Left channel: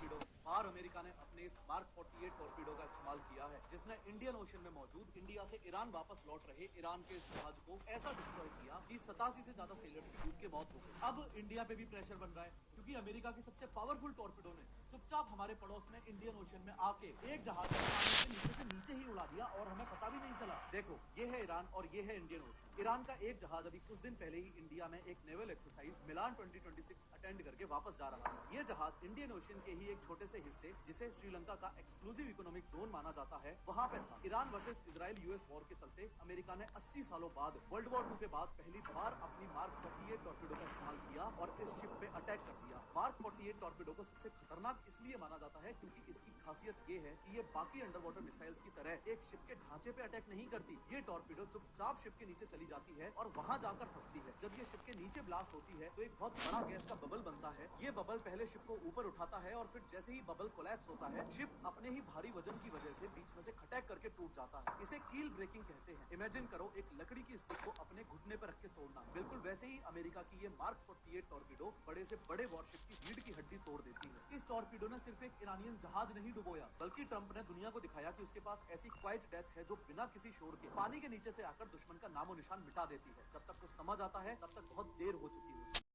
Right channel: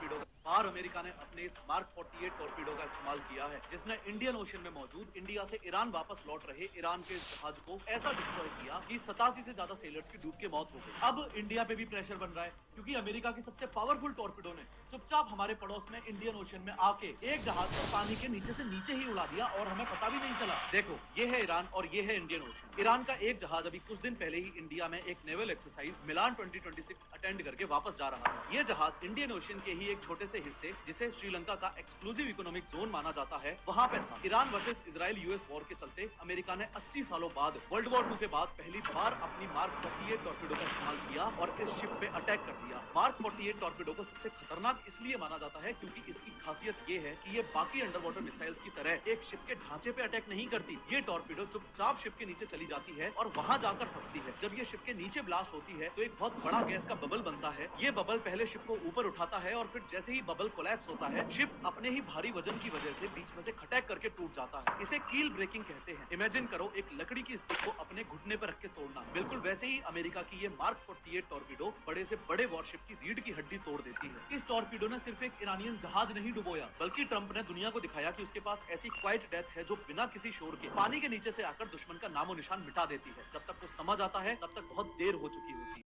Torpedo. बार America ने अपने इस मार्क 48 टॉर्पीडो का इस्तेमाल किया है, जिसने इंडियन ओशन में मौजूद इंडिया से ईरान वापस लौट रहे ईरान के इस जहाज को ऐसा डिस्ट्रॉय किया कि 87 से ज्यादा सेलर्स की डूब के मौत हो गई। अब इंडिया पे भी प्रेशर बन रहा है, क्योंकि अमेरिका की सबसे पावरफुल टॉर्पीडो ने चुपचाप हमारे पड़ोस में इंडियन ओशन में आके एक जहाज को पानी के नीचे ही उड़ा दिया और हमें पता भी नहीं चला। देखो, ये है ईरान और ये है इंडियन ओशन। ईरान का एक जहाज अभी कुछ दिन पहले ही इंडिया में एक नेवल एक्सरसाइज मिलान 2026 अटेंड करके वापस जा रहा था। ये जहाज इंडियन ओशन के ही एक छोटे से हिस्से, जिसे श्रीलंका का एक्सक्लूसिव इकोनॉमिक जोन माना जाता है, वहां पे था। Iran versus Israel US war के चलते अमेरिका ने 80 सालों बाद, वर्ल्ड वॉर 2 के बाद पहली बार अपनी मार्क 48 टॉर्पीडो का इस्तेमाल किया और इस शिप पे अटैक कर दिया। मार्क 48 टॉर्पीडो को सबसे खतरनाक इसलिए माना जाता है क्योंकि इसकी खासियत ये है कि ये बाकी अंडर वाटर मिसाइल्स की तरह एक शिप के ढांचे पे अटैक नहीं करती। ये टॉर्पीडो चुपचाप शिप के नीचे चली जाती है और वहां जाकर फटती है। जब ये शिप के नीचे ब्लास्ट होती है तो एक बहुत बड़ा गैस का बबल बनता है। ये बबल पहले शिप को ऊपर उठाता है और फिर जैसे ही बबल कोलैप्स होता है, शिप अपने ही भारी वजन की वजह से बीच में से खटैक करके टूट जाता है। इसे कील ब्रेकिंग कहते हैं। इमेजिन करो एक लकड़ी की स्टिक को अपने घुटने पर रख के तोड़ना। बिल्कुल वैसे ही अमेरिका की ये मार्क 48 टॉर्पीडो बड़े से बड़े वॉरशिप की रीढ़ की हड्डी तोड़ देती है। इस टॉर्पीडो ने सिर्फ एक ईरानियन जहाज नहीं डुबोया, बल्कि ट्रंप ने दुनिया को दिखाया कि उसके पास ऐसी क्वाइट डेथ है जो बिना किसी शोर के पानी के नीचे से आकर दुश्मन का नामो निशान मिटा देती है। जब तक कुछ समझ आता है तब तक बहुत देर हो चुकी होती है।